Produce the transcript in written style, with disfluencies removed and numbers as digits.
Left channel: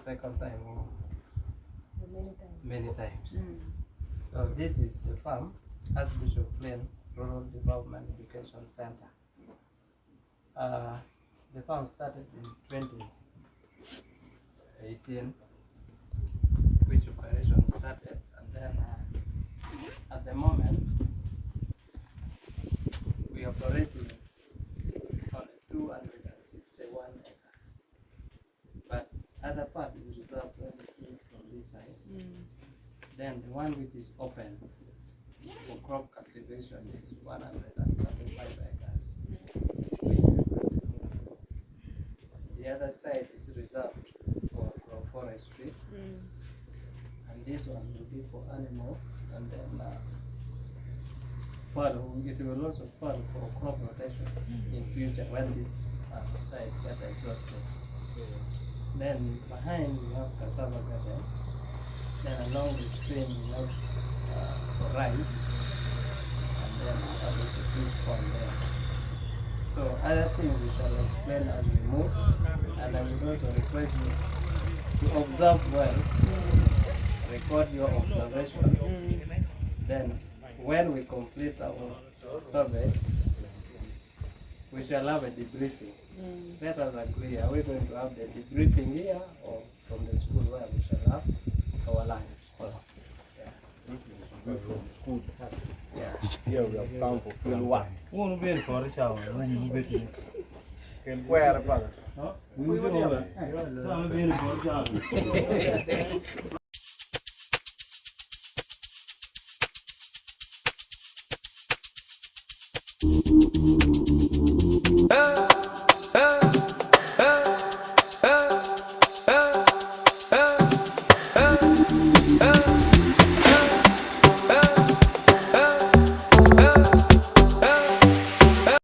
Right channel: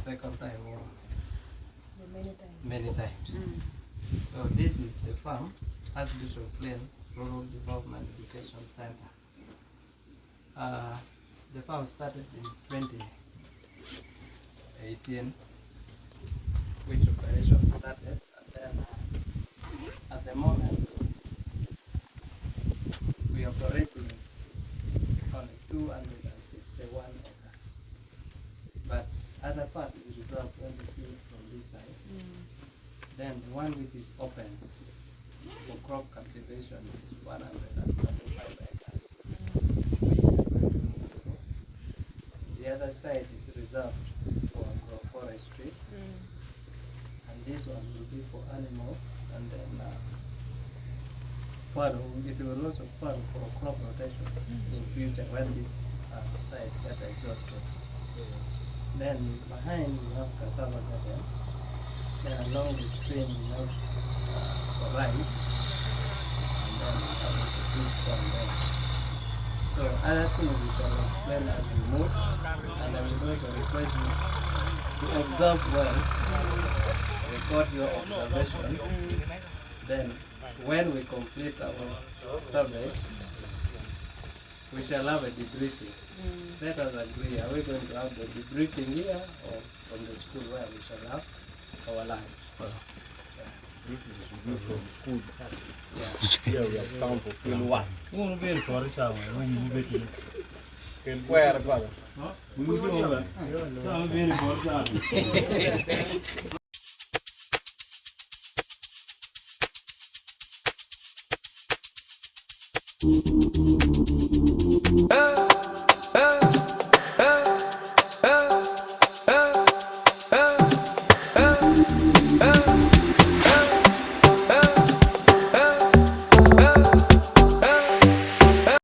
Second time or Many times. So this is the farm, Archbishop Plain Rural Development Education Center. The farm started in 2018, which operation started, and then at the moment we are operating on 261 acres. But other part is reserved when you see it from this side. Then the one which is open for crop cultivation is 145 acres. The other side is reserved for agroforestry, and this one will be for animal, and then it will also farm for crop rotation in future when this side gets exhausted. Then behind we have cassava garden. Then along the stream we have for rice, and then we have also fish pond there. So other things we shall explain as we move, and I would also request you to observe well, record your observation. Then when we complete our survey, we shall have a debriefing. Let us agree, are we going to have the debriefing here or from the school where we shall have our lines? From school. Yeah. Here we have come for field work. Won't be for each other when you move it. Where, father? We will be over.